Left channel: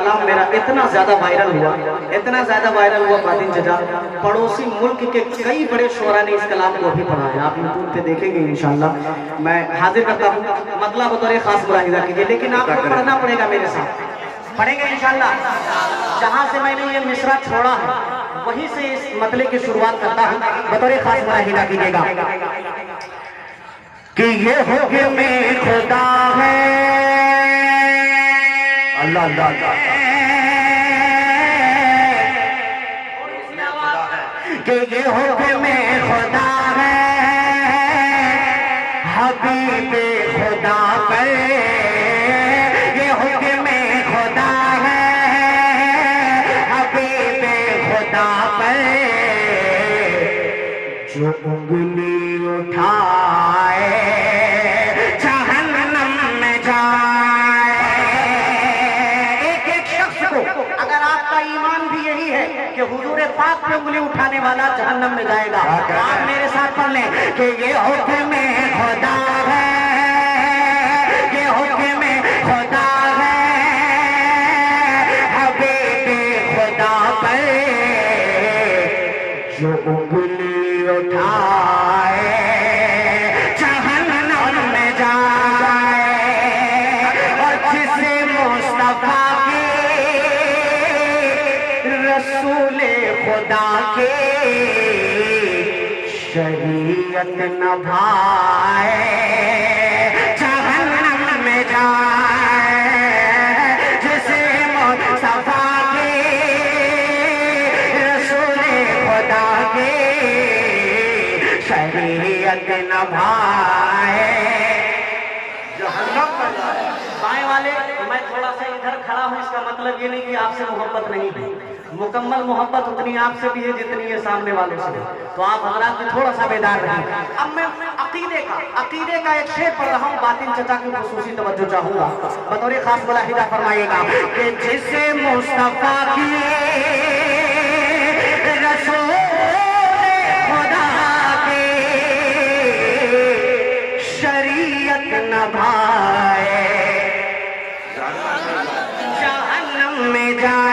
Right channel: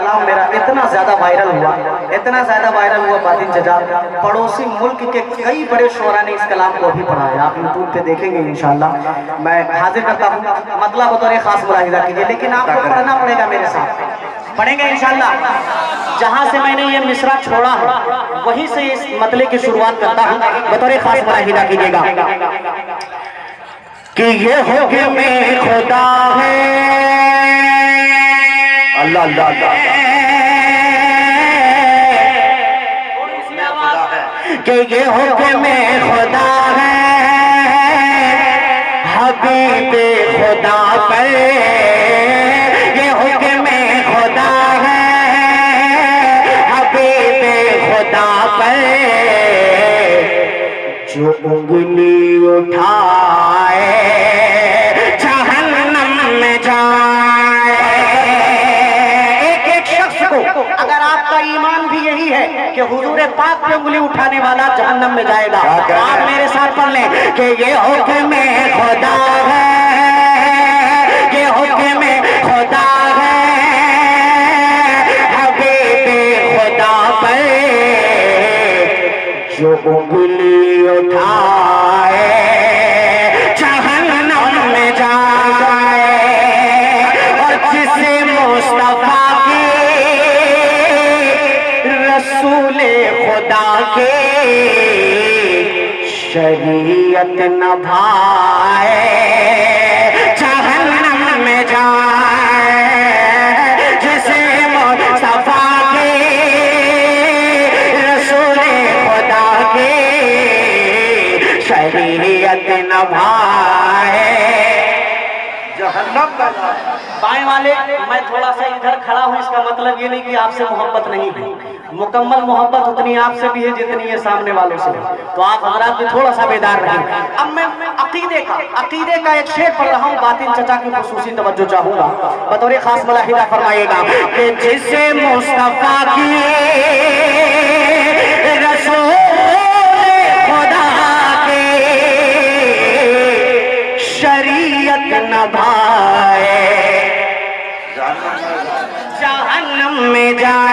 कलाम मेरा इतना ज्यादा वायरल हुआ बातिन चचा, पड़ोसी मुल्क के कई बड़े शोरा ने इस कलाम को भी पढ़ा है। आप यूट्यूब पे देखेंगे इंशाल्लाह। मैं हाजिर करता हूँ, मतलब बतौर खास मुलाहिजा कीजिए, लेकिन आपको पढ़ना पड़ेगा मेरे साथ। पढ़ेंगे इंशाल्लाह। जहाँ से मैंने ये मिसरा छोड़ा है वहीं से इस मतले की शुरुआत करता हूँ, बतौर खास मुलाहिजा कीजिएगा कि ये हुक्म खुदा है। अल्लाह अल्लाह अल्लाह कि ये हुक्म खुदा है, हबीब खुदा पर ये हुक्म खुदा है, हबीब खुदा पर जो उंगली उठाए जहन्नम में जाए। एक शख्स को, अगर आपका ईमान भी यही है कि हुजूर पाक पे उंगली उठाने वाला जहन्नम में जाएगा, आप मेरे साथ पढ़ लें कि ये हुक्म खुदा है, ये हुक्म खुदा है, हबीब खुदा पर जो उंगली उठाए जहन्नम में जाए। और जिसे मुस्तफा की रसूल खुदा के शरीयत न भाए जहन्नम में जाए। जिसे मुस्तफा के रसूल खुदा के शरीयत न भाए जहन्नम का। बाएं वाले, मैं थोड़ा सा इधर खड़ा हूं, इसका मतलब ये नहीं कि आपसे मोहब्बत नहीं है, मुकम्मल मोहब्बत उतनी आपसे भी है जितनी है सामने वालों से। तो आप हमारा भी थोड़ा सा बेदार रहें। अब मैं अकीदे का एक शेर पढ़ रहा हूँ, बातिन चचा की खुसूसी तवज्जो चाहूंगा, बतौर खास मुलाहिजा फरमाइएगा कि जिसे मुस्तफा की रसूल खुदा के शरीयत न भाए जहन्नम में जाए।